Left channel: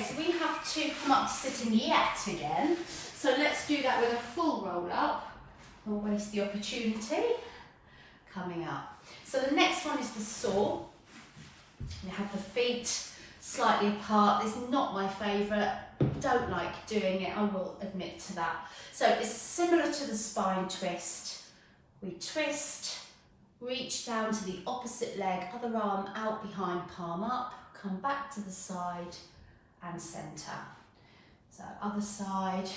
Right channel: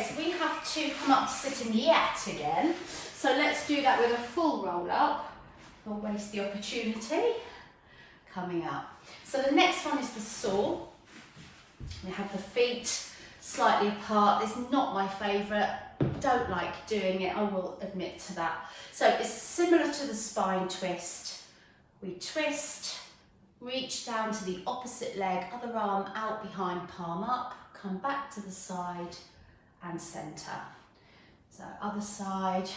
Okay, so we have to come up to sitting yet again. So let's do that with a full roll up. We'll waste the opportunity. Coming up. So the next one is the saw. We have the feet slightly apart. This is not my favourite. Don't like doing it, I will admit to that. So it's similar to the spine twist. We twist, reach down to the opposite leg, other arm out behind, palm up, come back to the side and centre. So other side,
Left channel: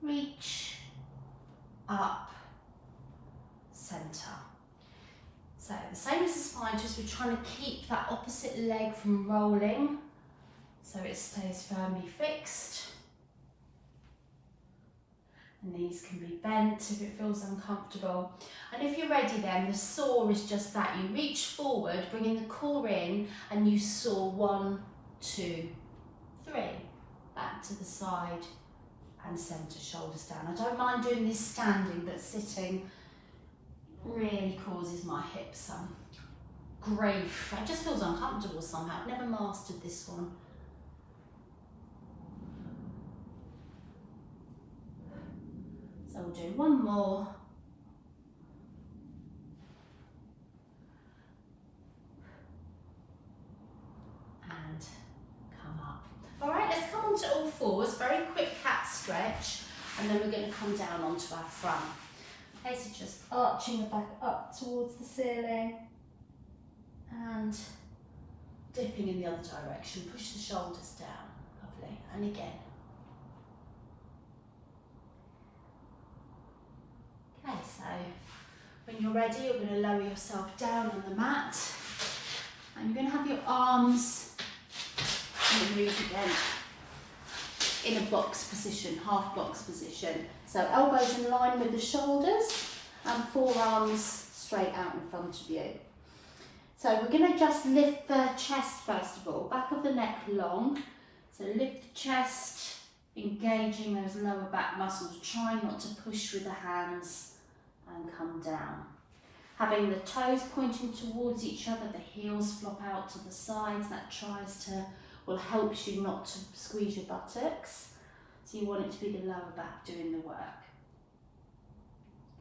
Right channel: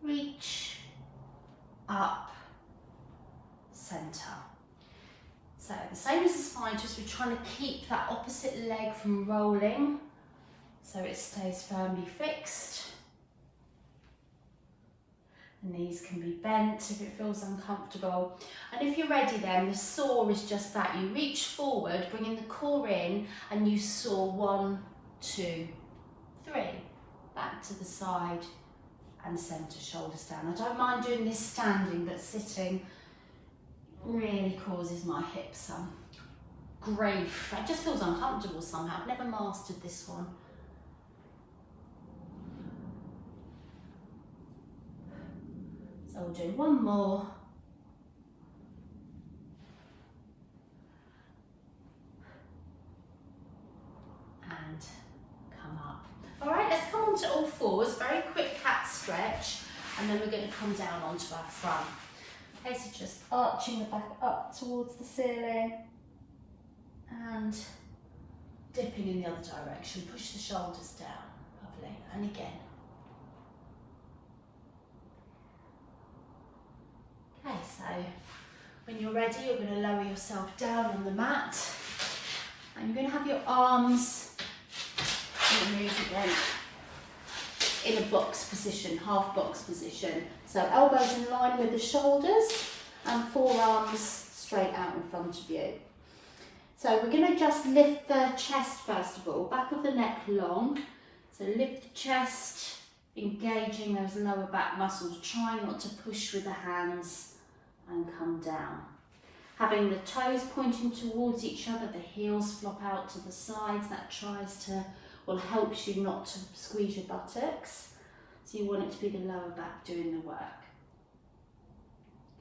reach, up, centre. So the same as the spine twist, we're trying to keep that opposite leg from rolling so it stays firmly fixed. The knees can be bent if it feels uncomfortable. And if you're ready then, the saw is just that. You reach forward, bringing the core in, and you saw 1, 2, 3. Back to the side and centre, shoulders down. I don't mind doing this standing, but sitting really causes my hips some grief. It just feels uncomfortable somehow. I've never mastered this one. So we'll do one more. And come up. All right, let's come on to all fours. Very quick cat stretch. And then we're going to come down onto our front. Okay, so just arching the back up towards the ceiling. And dipping in the other direction. Push the shoulders down. Lovely. And again. Okay, so when you're ready, you're going to lower yourself down on the mat, and you're going to have your arms move again in a box position, half box position. So elbows in line with the shoulders and forearms straight out in front of you. So we're going to just lift the chest first of all, back of the neck long. So lift the chest, engaging those lower back muscles, try not to push with the hands and come down. Having the toes pointing towards each other, the heels flop out to the sides, that helps you not to squeeze your buttocks. So you want it to be the lower back doing the work.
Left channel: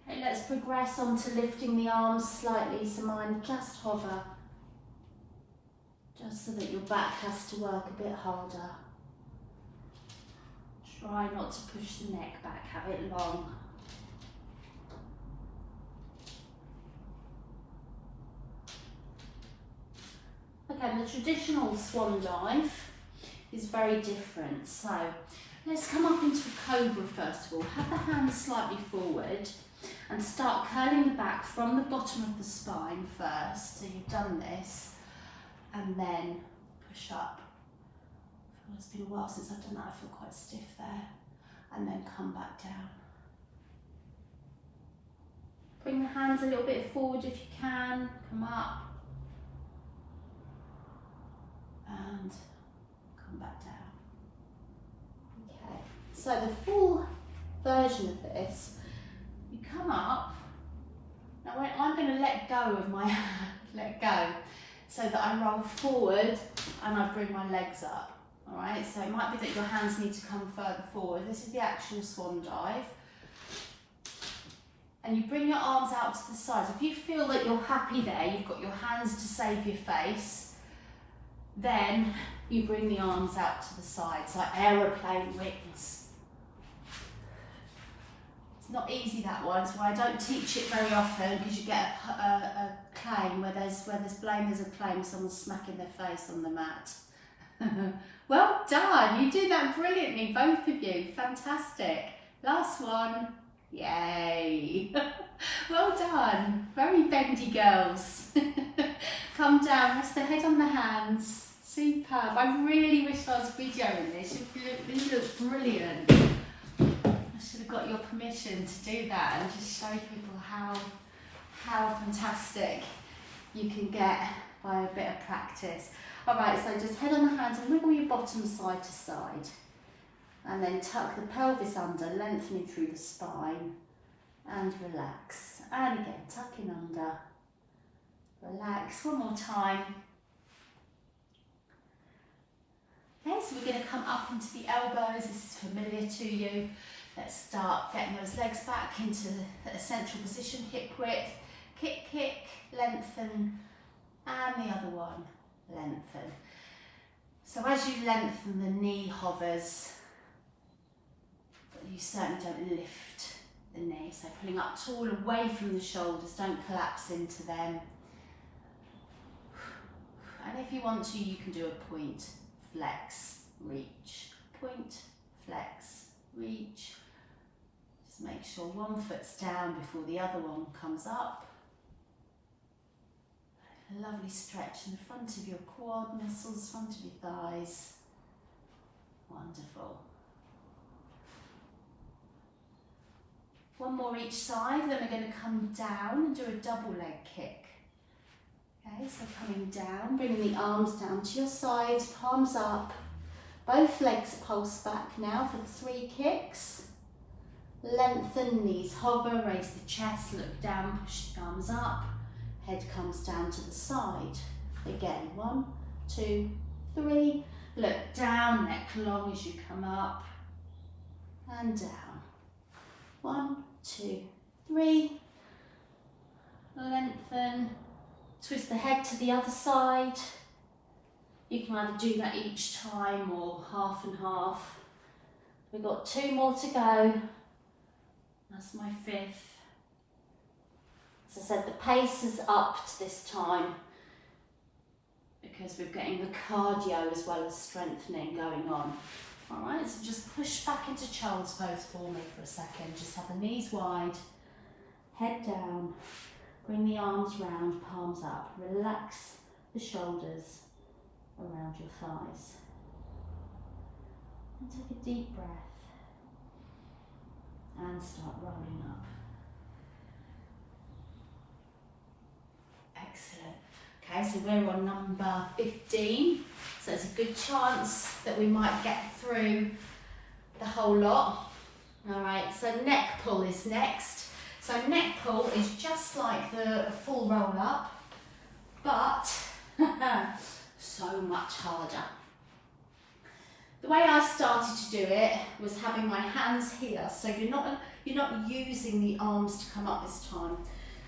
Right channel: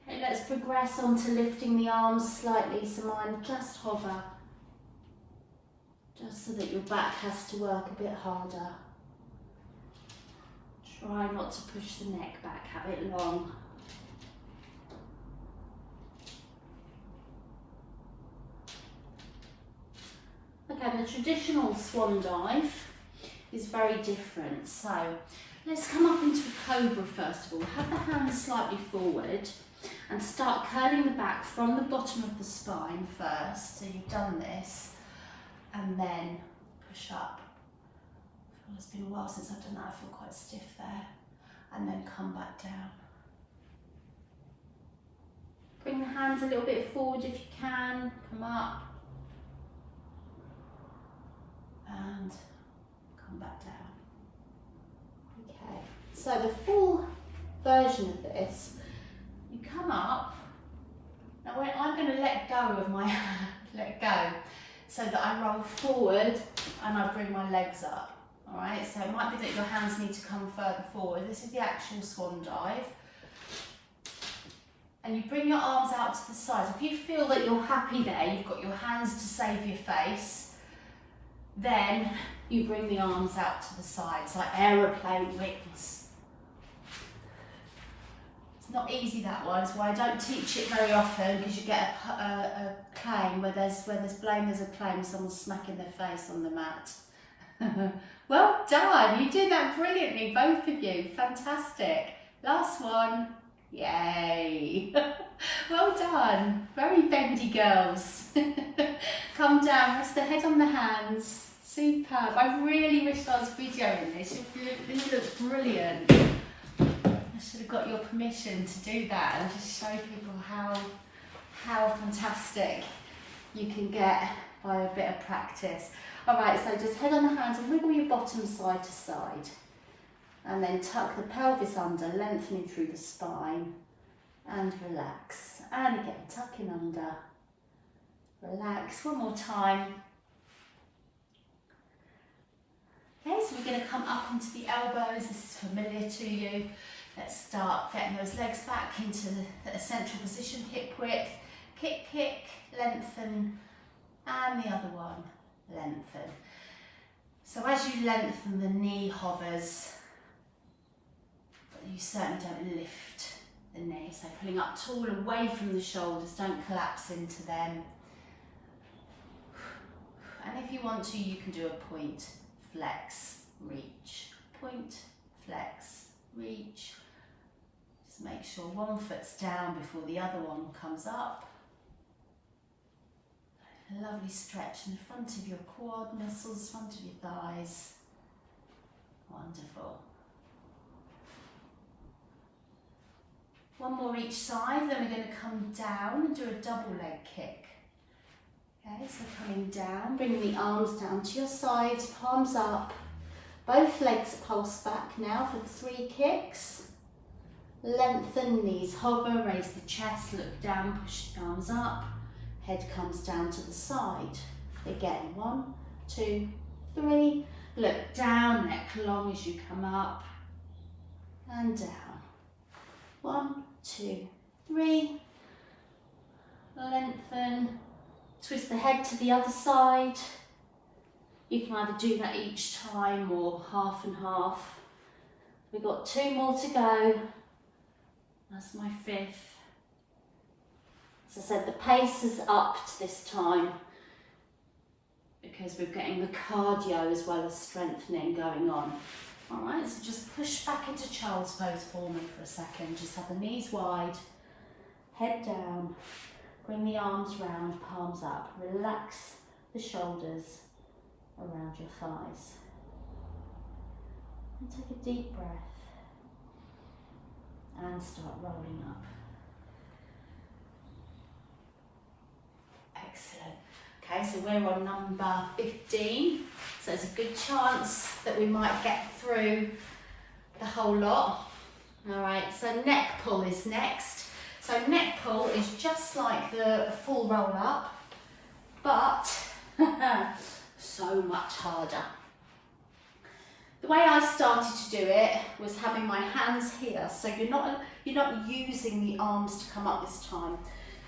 Okay, let's progress on to lifting the arms slightly, so mine just hover, just so that your back has to work a bit harder. Try not to push the neck back, have it long. Okay, the traditional swan dive is very different. So let's come up into a cobra first of all. Have the hands slightly forward and start curling the back from the bottom of the spine first. So you've done this, and then push up. It's been a while since I've done that, I feel quite stiff there. And then come back down. Bring the hands a little bit forward if you can, come up. And come back down. Okay, so the full version of this, you come up. Now I'm going to let go of my hand, let go, so that I roll forward and I bring my legs up. All right, so it might be that your hands need to come further forward. This is the actual swan dive. And you bring your arms out to the sides. If you feel that you're happy there, you've got your hands to save your face, then you bring the arms out to the sides, like aeroplane wings. It's not easy, that one, so I don't teach it very often, because you get a claim where there's blame, there's a claim, someone's smacking their face on the mat. Well done, you did that brilliantly, both of you, fantastic. Last one, yay. Well done, very bendy girls. Come down, rest the head on the hands. Superb. I really wish I was videoing this. This looks brilliant. I should have got your permission to do that and just show people how fantastic you can get by a bit of practice. Alright, so just head on the hands and wiggle your bottom side to side. And then tuck the pelvis under, lengthening through the spine. And relax. And again, tucking under. Relax. One more time. Okay, Okay, so we're going to come up into the elbows. This is familiar to you. Let's start getting those legs back into a central position, hip width, kick, kick, lengthen, and the other one, lengthen. So as you lengthen, the knee hovers, but you certainly don't lift the knee. So pulling up tall, away from the shoulders, don't collapse into them. And if you want to, you can do a point, flex, reach, point, flex, reach. Just make sure one foot's down before the other one comes up. A lovely stretch in the front of your quad muscles, front of your thighs. Wonderful. One more each side, then we're going to come down and do a double leg kick. Okay, so coming down, bringing the arms down to your sides, palms up, both legs pulse back now for 3 kicks. Lengthen, knees hover, raise the chest, look down, push the arms up, head comes down to the side. Again, 1, 2, 3, look down, neck long as you come up, and down. 1, 2, 3, lengthen. Twist the head to the other side. You can either do that each time or half and half. We've got 2 more to go. That's my 5th. As I said, the pace is upped this time because we're getting the cardio as well as strengthening going on. All right, so just push back into child's pose for me for a second. Just have the knees wide, head down. Bring the arms round, palms up. Relax the shoulders around your thighs. And take a deep breath. And start rolling up. Excellent. Okay, so we're on number 15. So there's a good chance that we might get through the whole lot. All right, so neck pull is next. So neck pull is just like the full roll up, but so much harder. The way I started to do it was having my hands here, so you're not using the arms to come up this time.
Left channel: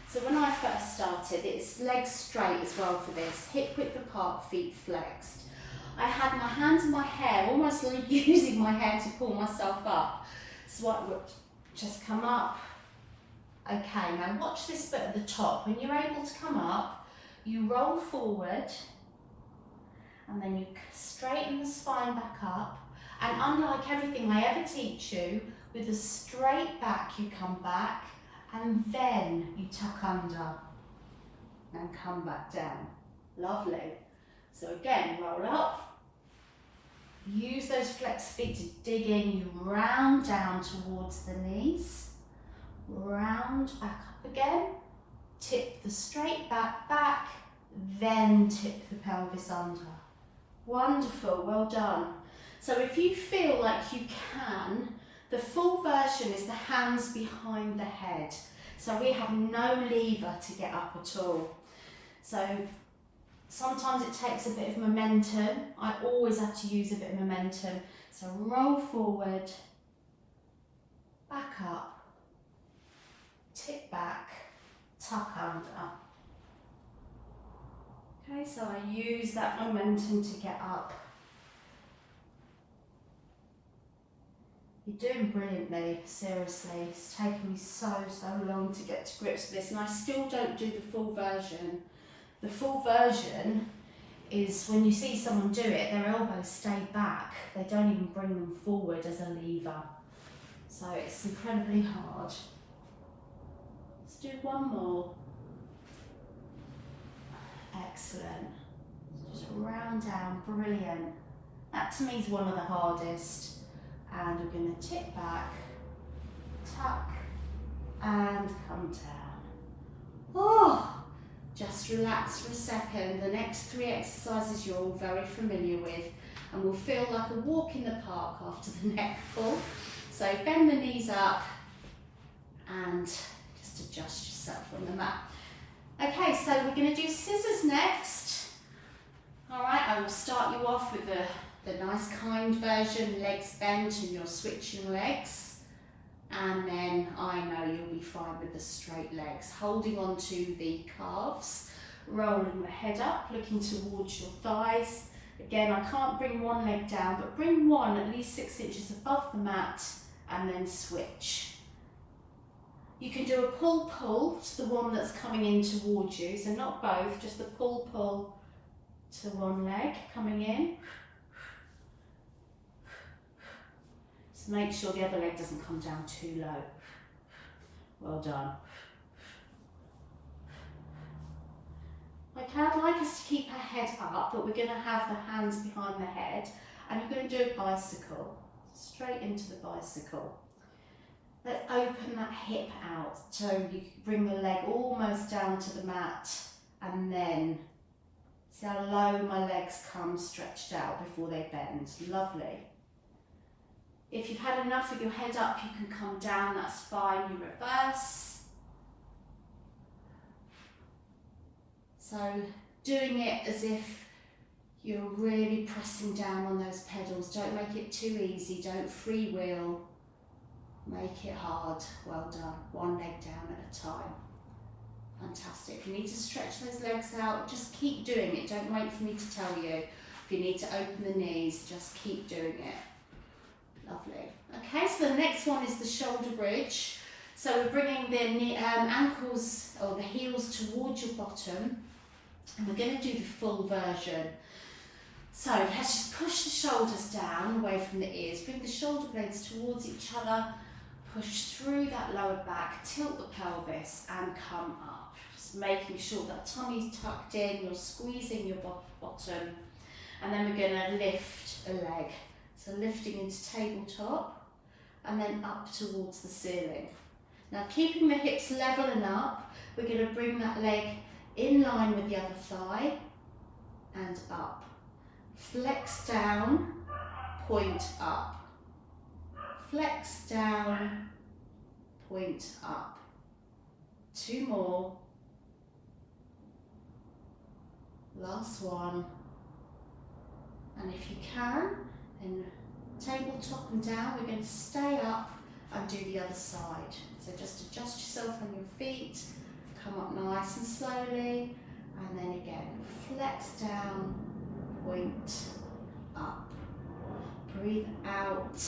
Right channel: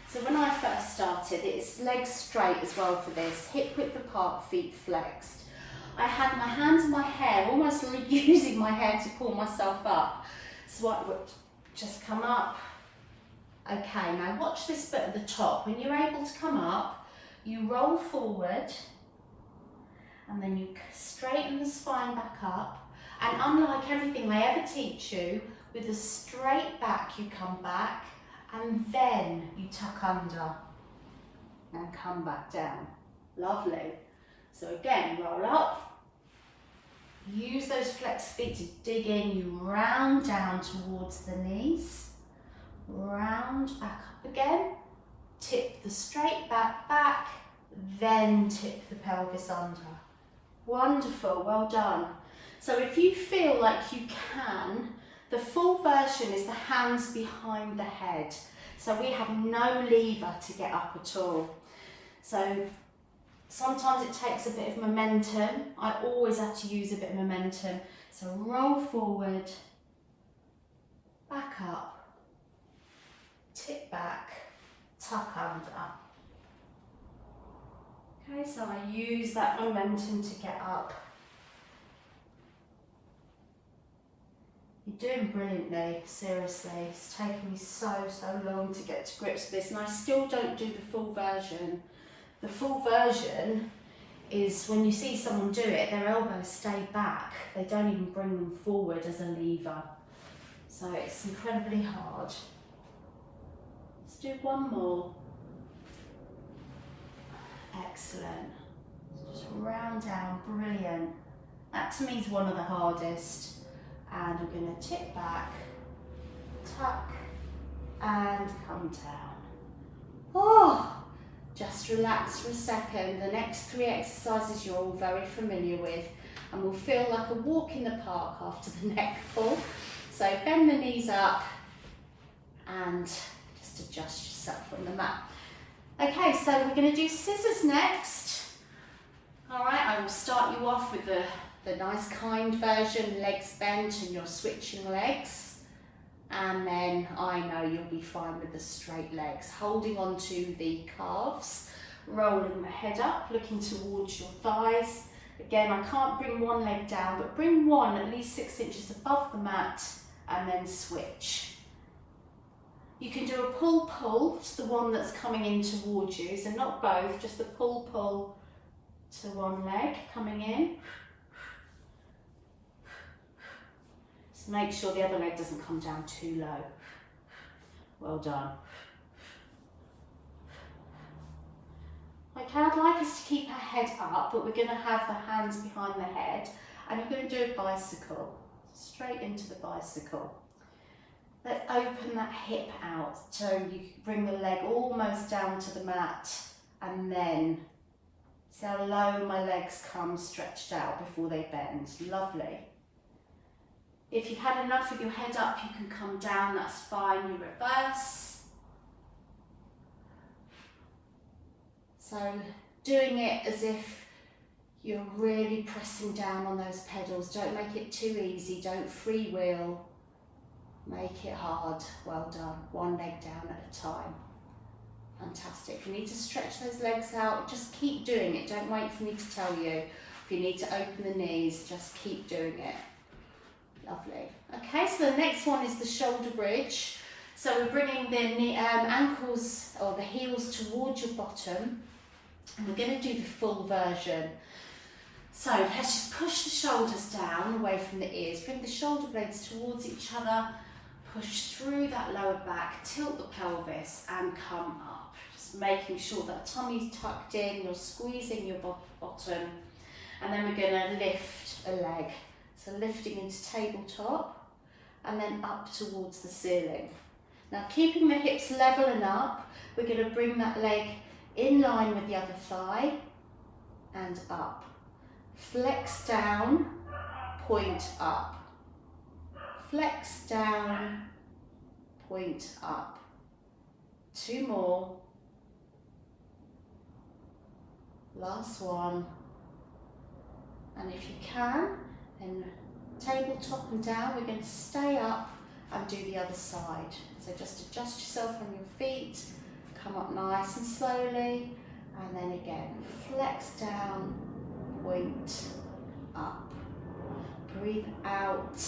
So when I first started, it's legs straight as well for this, hip width apart, feet flexed. I had my hands in my hair, almost using my hair to pull myself up. So I would just come up. Okay, now watch this bit at the top. When you're able to come up, you roll forward and then you straighten the spine back up. And unlike everything I ever teach you, with a straight back you come back and then you tuck under and come back down. Lovely. So again, roll up. Use those flexed feet to dig in. You round down towards the knees. Round back up again, tip the straight back, then tip the pelvis under. Wonderful, well done. So if you feel like you can, the full version is the hands behind the head. So we have no lever to get up at all. So sometimes it takes a bit of momentum. I always have to use a bit of momentum. So roll forward, back up, tip back, tuck under. Okay, so I use that momentum to get up. You're doing brilliantly, seriously. It's taken me so long to get to grips with this, and I still don't do the full version. The full version is when you see someone do it, their elbows stay back. They don't even bring them forward as a lever. So it's incredibly hard. Do one more. Excellent. Just round down, brilliant. That to me is one of the hardest. And we're going to tip back, tuck, and come down. Oh, just relax for a second. The next 3 exercises you're all very familiar with, and will feel like a walk in the park after the neck pull. So bend the knees up and adjust yourself on the mat. Okay, so we're going to do scissors next. All right, I will start you off with the the nice kind version, legs bent and you're switching legs. And then I know you'll be fine with the straight legs. Holding on to the calves, rolling the head up, looking towards your thighs. Again, I can't bring one leg down, but bring one at least 6 inches above the mat and then switch. You can do a pull-pull to the one that's coming in towards you, so not both, just a pull-pull to one leg coming in. Just make sure the other leg doesn't come down too low. Well done. Okay, I'd like us to keep our head up, but we're going to have the hands behind the head, and you're going to do a bicycle, straight into the bicycle. Let's open that hip out, so you bring the leg almost down to the mat, and then see how low my legs come stretched out before they bend. Lovely. If you've had enough with your head up, you can come down, that's fine, you reverse. So doing it as if you're really pressing down on those pedals. Don't make it too easy, don't freewheel. Make it hard. Well done. One leg down at a time. Fantastic. If you need to stretch those legs out, just keep doing it. Don't wait for me to tell you. If you need to open the knees, just keep doing it. Lovely. Okay, so the next one is the shoulder bridge. So we're bringing the ankles or the heels towards your bottom. And we're going to do the full version. So let's just push the shoulders down away from the ears. Bring the shoulder blades towards each other. Push through that lower back, tilt the pelvis and come up. Just making sure that tummy's tucked in, you're squeezing your bottom. And then we're going to lift a leg. So lifting into tabletop and then up towards the ceiling. Now keeping the hips level and up, we're going to bring that leg in line with the other thigh and up. Flex down, point up. Flex down, point up. 2 more. Last one. And if you can, then tabletop and down, we're going to stay up and do the other side. So just adjust yourself on your feet, come up nice and slowly, and then again, flex down, point up. Breathe out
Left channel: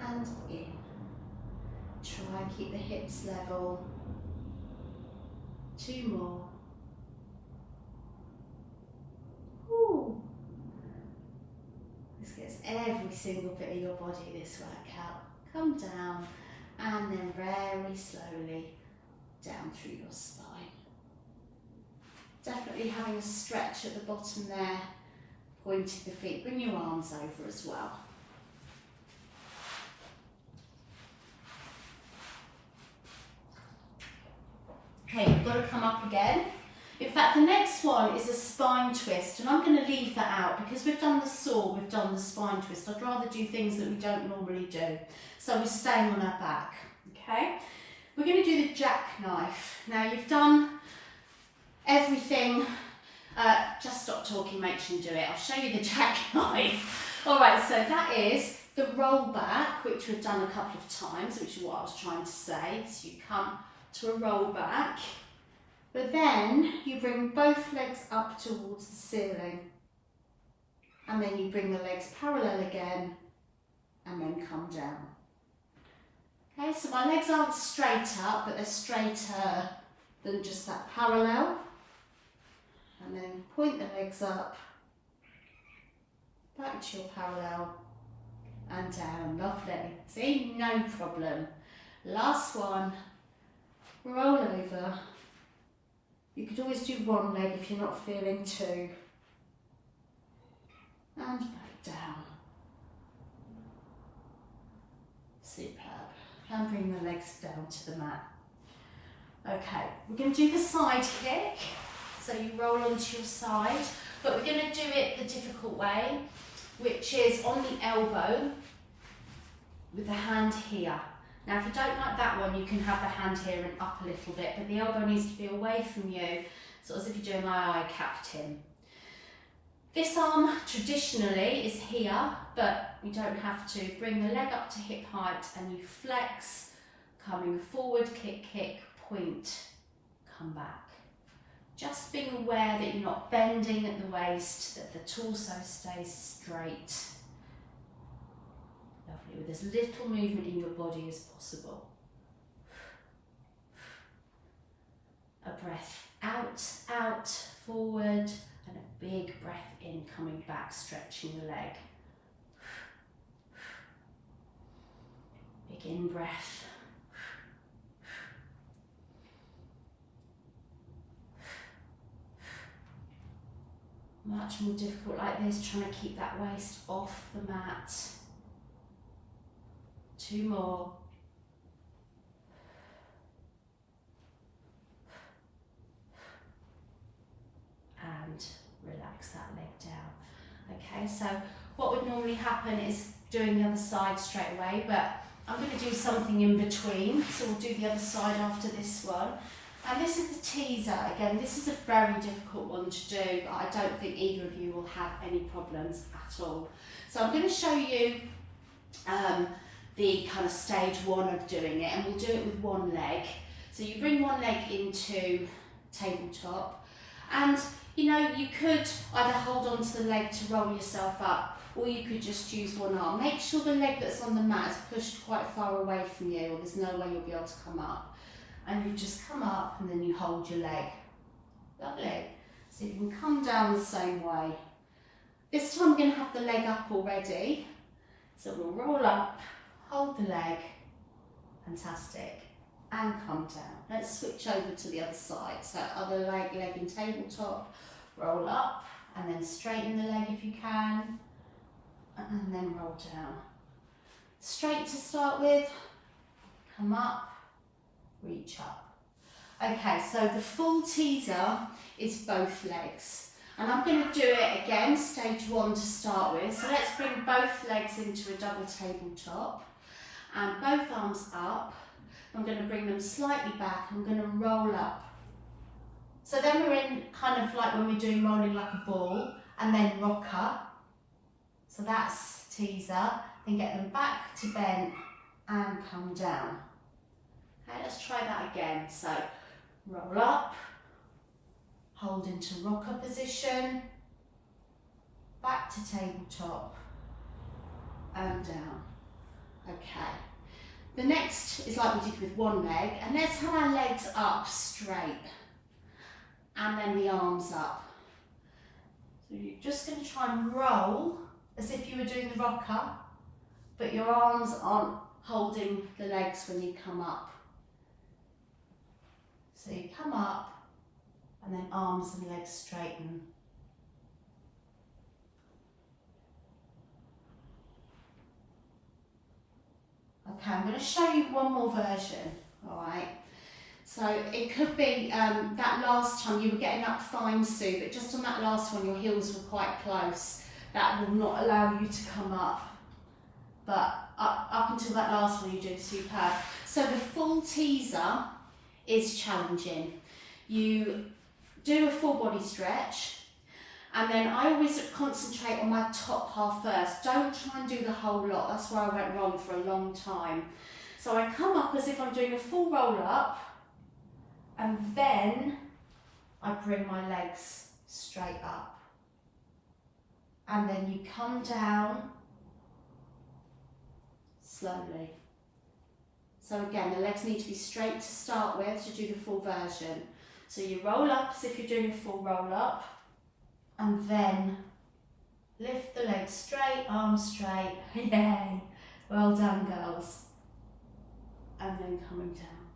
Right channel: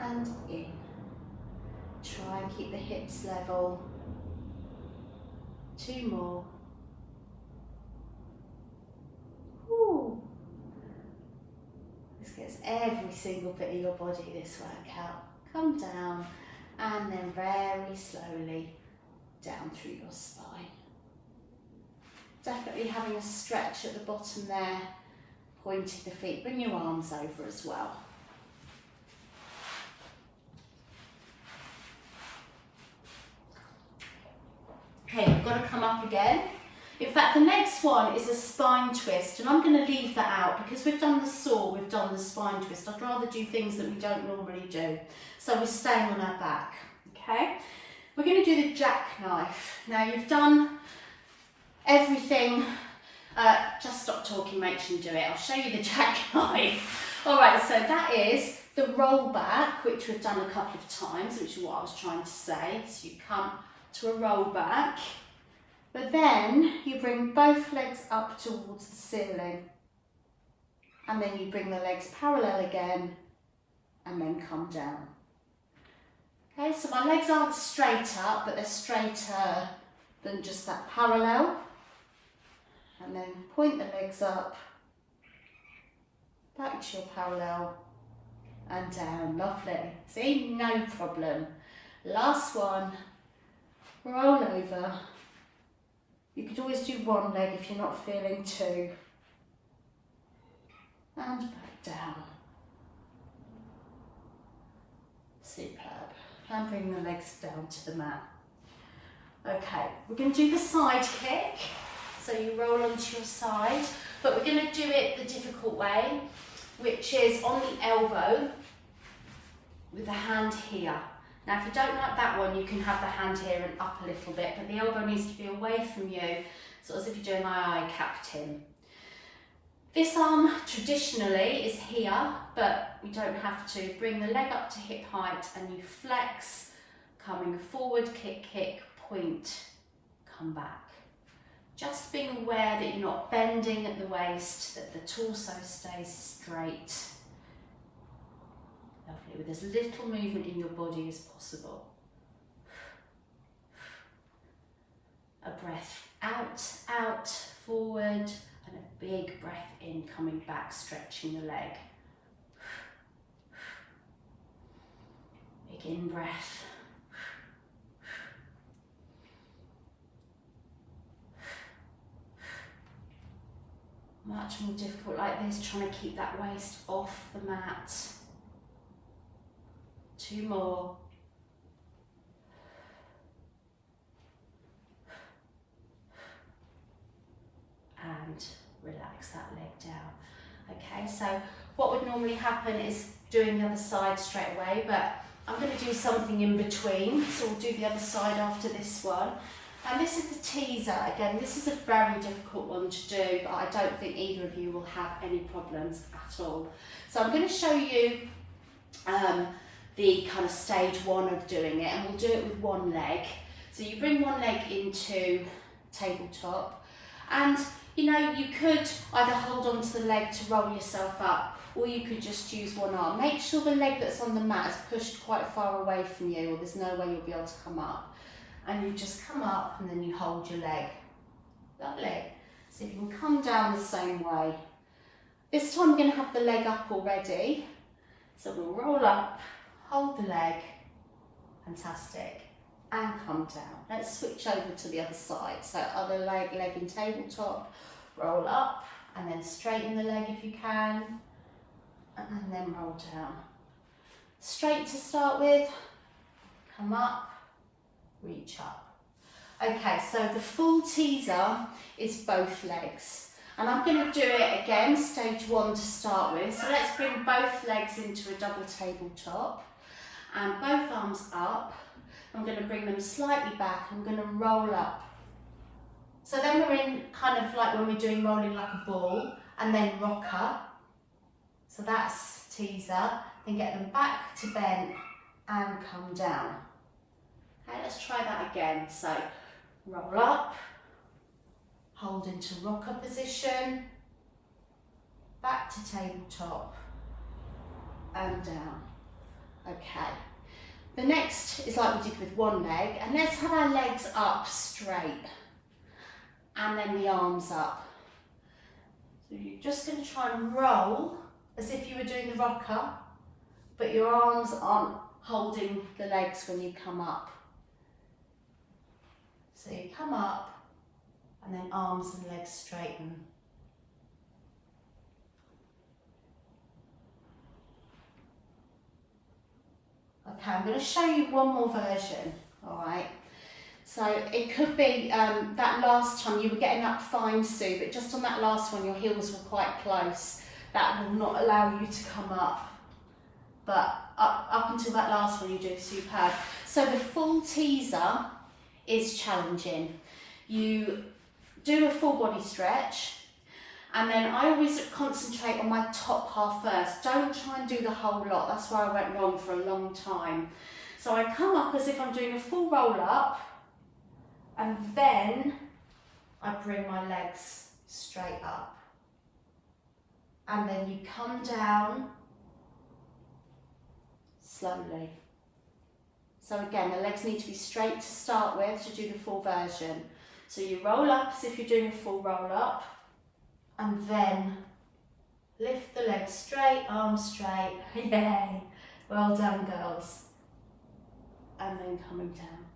and in. Try and keep the hips level. 2 more. Ooh. This gets every single bit of your body, this workout. Come down and then very slowly down through your spine. Definitely having a stretch at the bottom there, pointing the feet. Bring your arms over as well. Okay, you've got to come up again. In fact, the next one is a spine twist, and I'm going to leave that out because we've done the saw, we've done the spine twist. I'd rather do things that we don't normally do. So we're staying on our back, okay? We're going to do the jackknife. Now you've done everything, just stop talking, make sure you do it. I'll show you the jackknife. All right, so that is the roll back, which we've done a couple of times, which is what I was trying to say. So you come to a roll back, but then you bring both legs up towards the ceiling, and then you bring the legs parallel again, and then come down. Okay, so my legs aren't straight up, but they're straighter than just that parallel. And then point the legs up, back to your parallel, and down. Lovely. See, no problem. Last one. Roll over. You could always do one leg if you're not feeling 2. And back down. Superb. And bring the legs down to the mat. Okay, we're going to do the side kick. So you roll onto your side, but we're going to do it the difficult way, which is on the elbow with the hand here. Now, if you don't like that one, you can have the hand here and up a little bit, but the elbow needs to be away from you, sort of as if you're doing my captain. This arm traditionally is here, but we don't have to. Bring the leg up to hip height and you flex, coming forward, kick, kick, point, come back. Just being aware that you're not bending at the waist, that the torso stays straight. Lovely, with as little movement in your body as possible. A breath out, out, forward, and a big breath in, coming back, stretching the leg. Big in breath. Much more difficult like this, trying to keep that waist off the mat. 2 more. And relax that leg down. Okay, so what would normally happen is doing the other side straight away, but I'm going to do something in between. So we'll do the other side after this one. And this is the teaser. Again, this is a very difficult one to do, but I don't think either of you will have any problems at all. So I'm going to show you the kind of stage 1 of doing it, and we'll do it with one leg. So you bring one leg into tabletop, and you know, you could either hold on to the leg to roll yourself up, or you could just use one arm. Make sure the leg that's on the mat is pushed quite far away from you, or there's no way you'll be able to come up. And you just come up and then you hold your leg. Lovely. So you can come down the same way. This time we're going to have the leg up already. So we'll roll up, hold the leg, fantastic, and come down. Let's switch over to the other side. So other leg in tabletop, roll up, and then straighten the leg if you can, and then roll down. Straight to start with, come up, reach up. Okay, so the full teaser is both legs. And I'm going to do it again, stage 1 to start with. So let's bring both legs into a double tabletop and both arms up. I'm going to bring them slightly back. I'm going to roll up. So then we're in kind of like when we're doing rolling like a ball, and then rocker. So that's teaser. Then get them back to bend and come down. Okay, let's try that again. So roll up, hold into rocker position, back to tabletop, and down. Okay. The next is like we did with one leg, and let's have our legs up straight, and then the arms up. So you're just going to try and roll as if you were doing the rocker, but your arms aren't holding the legs when you come up. So you come up, and then arms and legs straighten. Okay, I'm going to show you one more version, all right? So it could be that last time you were getting up fine, Sue, but just on that last one your heels were quite close. That will not allow you to come up. But up until that last one you do superb. So the full teaser is challenging. You do a full body stretch, and then I always concentrate on my top half first. Don't try and do the whole lot. That's where I went wrong for a long time. So I come up as if I'm doing a full roll up, and then I bring my legs straight up. And then you come down slowly. So again, the legs need to be straight to start with to do the full version. So you roll up as if you're doing a full roll up, and then lift the legs straight, arms straight. Yay! Well done, girls. And then coming down.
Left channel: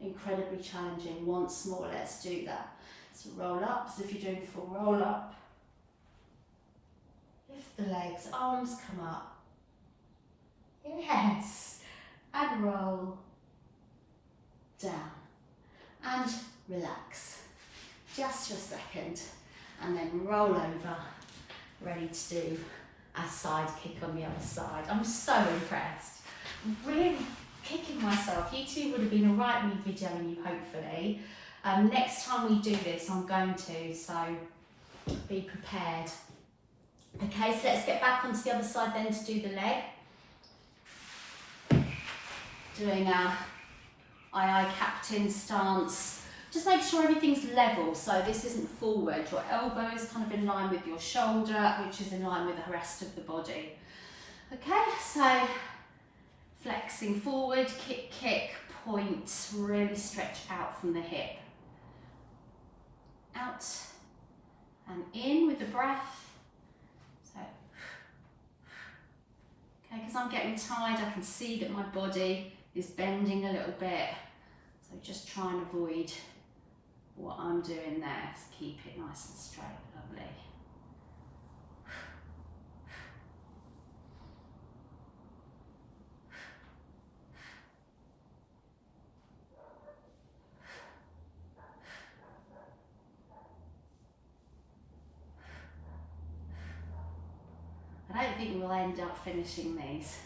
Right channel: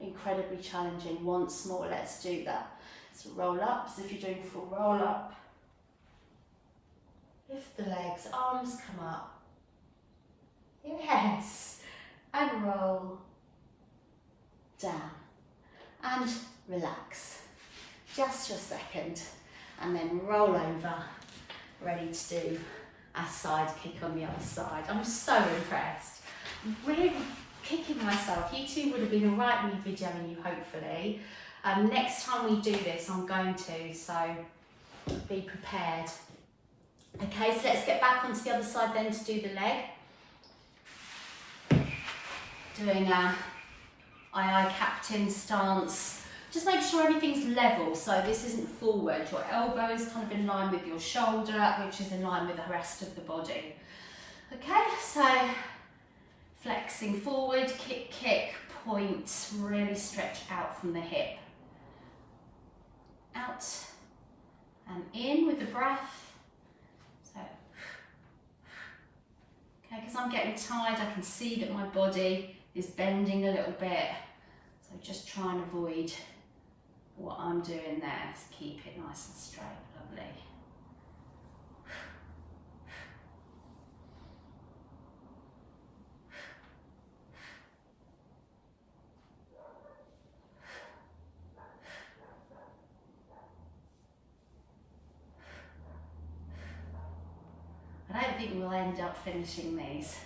Incredibly challenging. Once more, let's do that. So roll up as if you're doing a full roll up. Lift the legs, arms come up. Yes. And roll down. And relax. Just for a second. And then roll over. Ready to do a side kick on the other side. I'm so impressed. I'm really kicking myself. You two would have been alright with me videoing you, hopefully. Next time we do this, I'm going to, so be prepared. Okay, so let's get back onto the other side then to do the leg. Doing a aye captain stance. Just make sure everything's level, so this isn't forward. Your elbow is kind of in line with your shoulder, which is in line with the rest of the body. Okay, so flexing forward, kick, kick, point, really stretch out from the hip. Out and in with the breath. So, okay, because I'm getting tired, I can see that my body is bending a little bit. So just try and avoid what I'm doing there. Just keep it nice and straight, lovely. I don't think we'll end up finishing these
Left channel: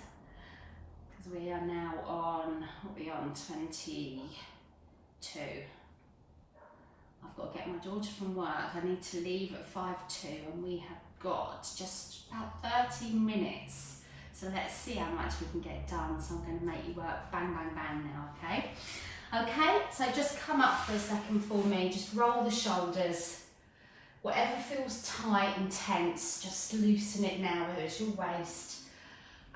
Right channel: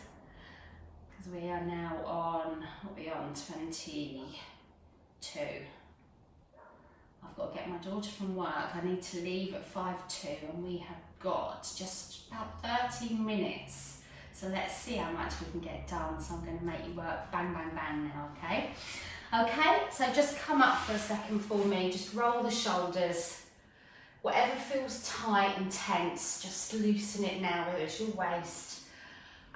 because we are now on, what are we on, 22. I've got to get my daughter from work. I need to leave at 5:02 and we have got just about 30 minutes. So let's see how much we can get done. So I'm going to make you work bang, bang, bang now, okay? Okay, so just come up for a second for me. Just roll the shoulders. Whatever feels tight and tense, just loosen it now, whether it's your waist.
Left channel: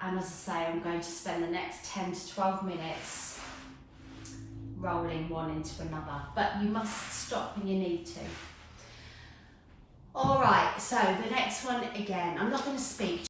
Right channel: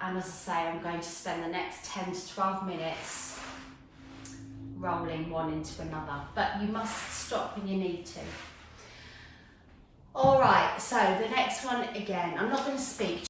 And as I say, I'm going to spend the next 10 to 12 minutes rolling one into another. But you must stop when you need to. All right, so the next one, again, I'm not going to speak